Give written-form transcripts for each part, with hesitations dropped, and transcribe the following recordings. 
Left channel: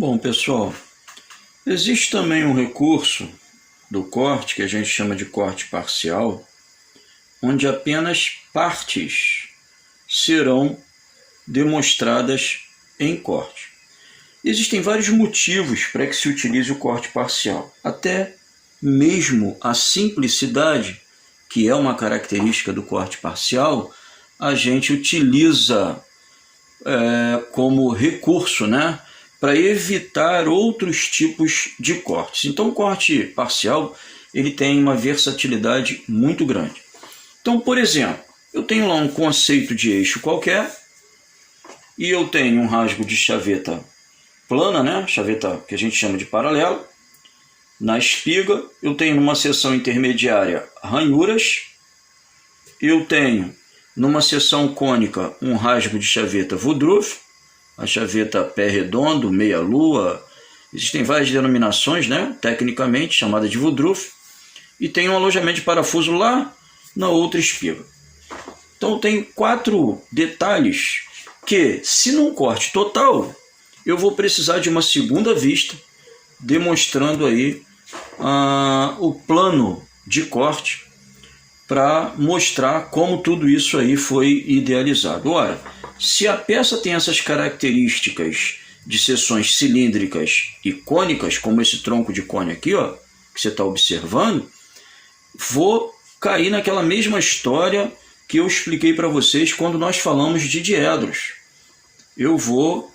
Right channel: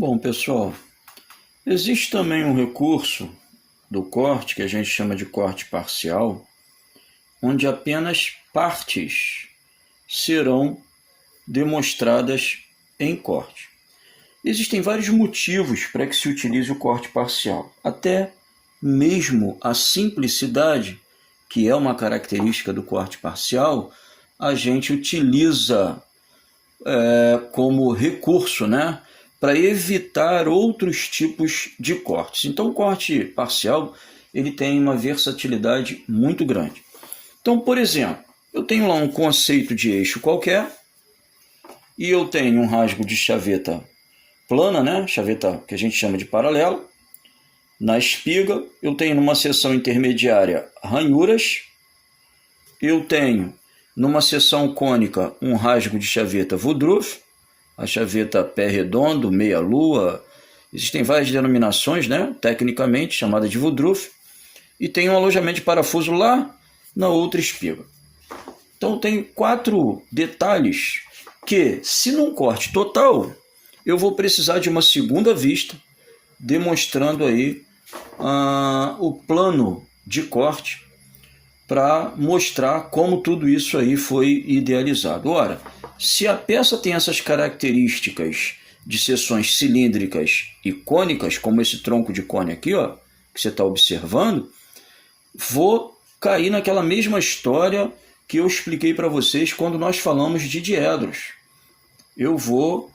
Bom, pessoal, existe também um recurso do corte, que a gente chama de corte parcial, onde apenas partes serão demonstradas em corte. Existem vários motivos para que se utilize o corte parcial, até mesmo a simplicidade, que é uma característica do corte parcial, a gente utiliza como recurso, para evitar outros tipos de cortes. Então, o corte parcial ele tem uma versatilidade muito grande. Então, por exemplo, eu tenho lá um conceito de eixo qualquer e eu tenho um rasgo de chaveta plana, chaveta que a gente chama de paralela. Na espiga, eu tenho numa seção intermediária ranhuras. Eu tenho numa seção cônica um rasgo de chaveta Woodruff, a chaveta pé redondo, meia-lua. Existem várias denominações, tecnicamente chamada de Woodruff. E tem um alojamento de parafuso lá na outra espiga. Então, tem 4 detalhes que, se num corte total, eu vou precisar de uma segunda vista, demonstrando aí o plano de corte para mostrar como tudo isso aí foi idealizado. Ora, se a peça tem essas características de seções cilíndricas e cônicas, como esse tronco de cone aqui, que você está observando, vou cair naquela mesma história que eu expliquei para vocês quando nós falamos de diedros. Eu vou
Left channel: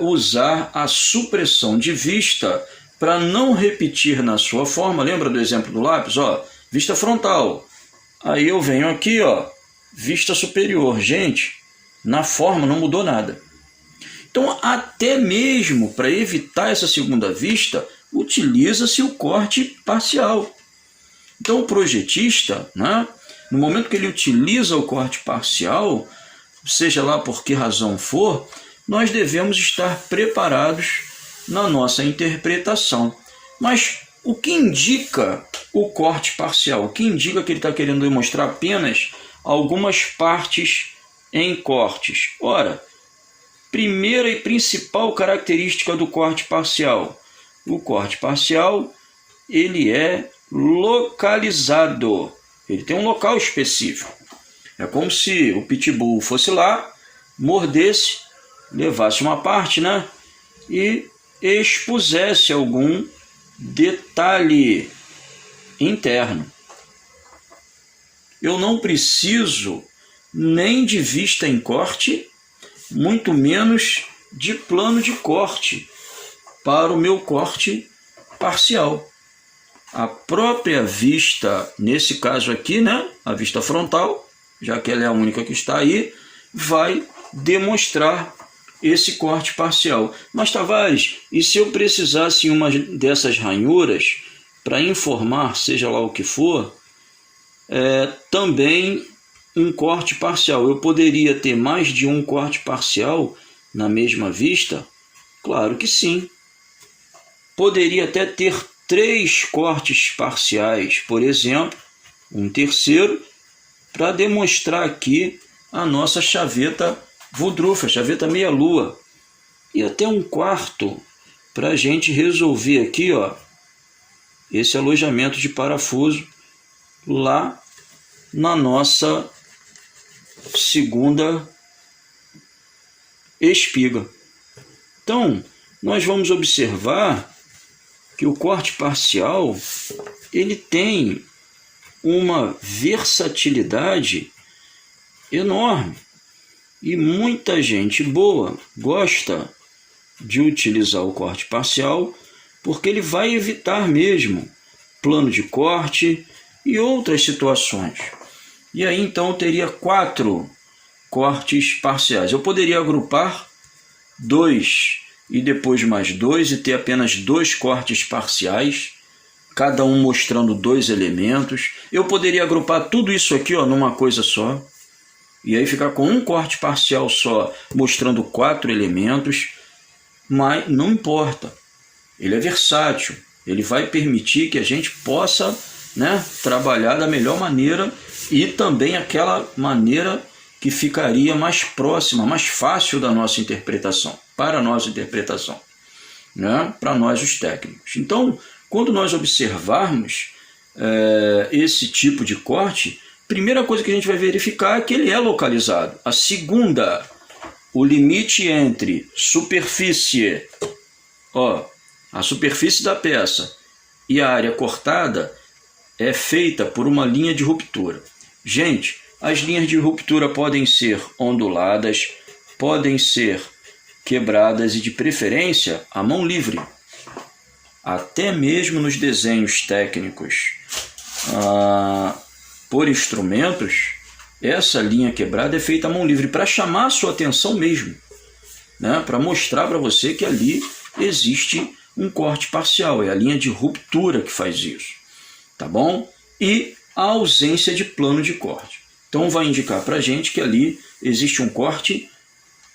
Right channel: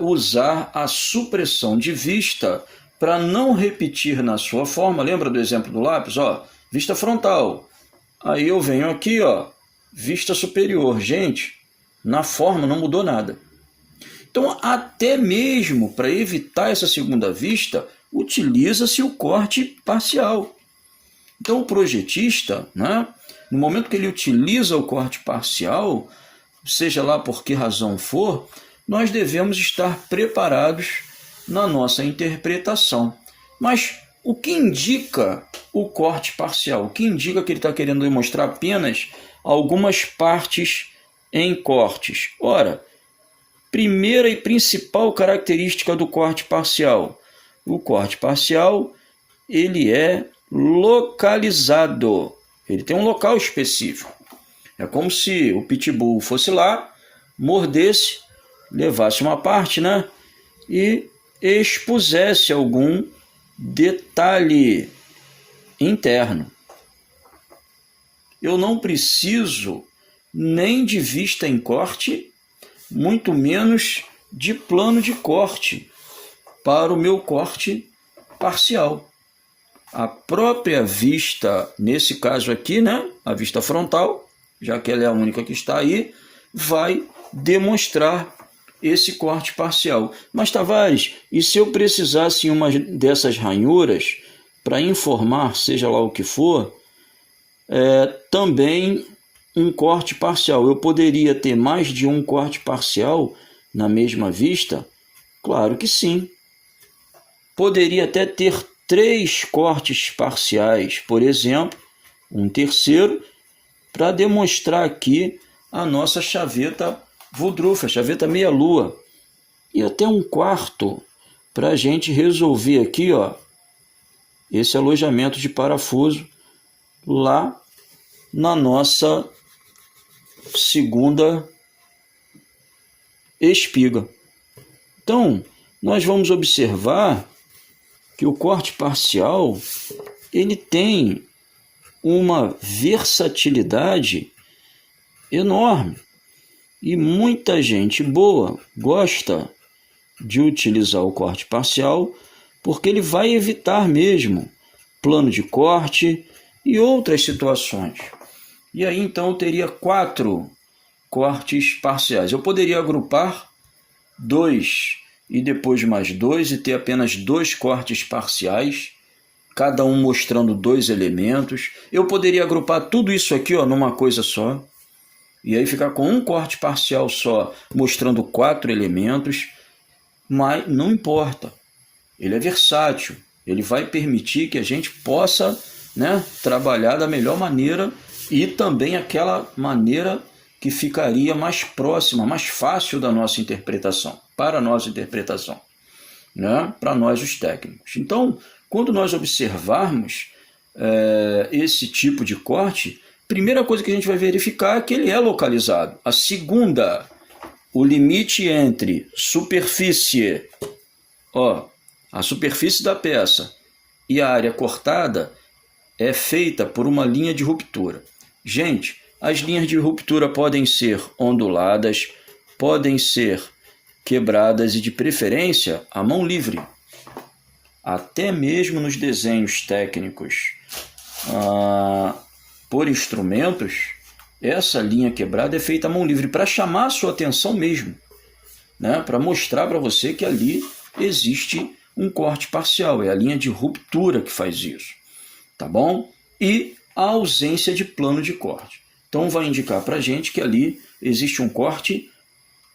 usar a supressão de vista para não repetir na sua forma. Lembra do exemplo do lápis? Vista frontal. Aí eu venho aqui, vista superior. Gente, na forma não mudou nada. Então, até mesmo para evitar essa segunda vista, utiliza-se o corte parcial. Então, o projetista, no momento que ele utiliza o corte parcial, seja lá por que razão for, nós devemos estar preparados na nossa interpretação. Mas o que indica o corte parcial? O que indica que ele está querendo demonstrar apenas algumas partes em cortes? Ora, primeira e principal característica do corte parcial. O corte parcial, ele é localizado. Ele tem um local específico. É como se o pitbull fosse lá, mordesse, levasse uma parte, e expusesse algum detalhe interno. Eu não preciso nem de vista em corte, muito menos de plano de corte para o meu corte parcial. A própria vista, nesse caso aqui, a vista frontal, já que ela é a única que está aí, vai demonstrar esse corte parcial. Mas, Tavares, e se eu precisasse em uma dessas ranhuras para informar, seja lá o que for, também um corte parcial? Eu poderia ter mais de um corte parcial na mesma vista? Claro que sim. Poderia até ter 3 cortes parciais, por exemplo, um terceiro, para demonstrar aqui a nossa chaveta Woodruff, a chaveta meia-lua. E até um quarto para a gente resolver aqui, esse alojamento de parafuso lá na nossa segunda espiga. Então, nós vamos observar que o corte parcial ele tem uma versatilidade enorme. E muita gente boa gosta de utilizar o corte parcial porque ele vai evitar mesmo plano de corte e outras situações. E aí então eu teria 4 cortes parciais. Eu poderia agrupar 2 e depois mais 2 e ter apenas 2 cortes parciais, cada um mostrando 2 elementos. Eu poderia agrupar tudo isso aqui numa coisa só. E aí ficar com um corte parcial só, mostrando 4 elementos, mas não importa. Ele é versátil, ele vai permitir que a gente possa trabalhar da melhor maneira e também aquela maneira que ficaria mais próxima, mais fácil da nossa interpretação, para a nossa interpretação. né, para nós os técnicos. Então, quando nós observarmos esse tipo de corte, primeira coisa que a gente vai verificar é que ele é localizado. A segunda, o limite entre superfície, a superfície da peça e a área cortada é feita por uma linha de ruptura. Gente, as linhas de ruptura podem ser onduladas, podem ser quebradas e, de preferência, à mão livre. Até mesmo nos desenhos técnicos por instrumentos, essa linha quebrada é feita à mão livre para chamar a sua atenção mesmo, né? Para mostrar para você que ali existe um corte parcial, é a linha de ruptura que faz isso, tá bom? E a ausência de plano de corte. Então vai indicar para a gente que ali existe um corte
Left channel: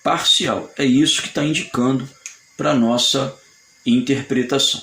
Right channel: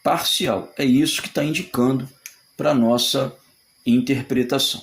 parcial. É isso que está indicando para a nossa interpretação.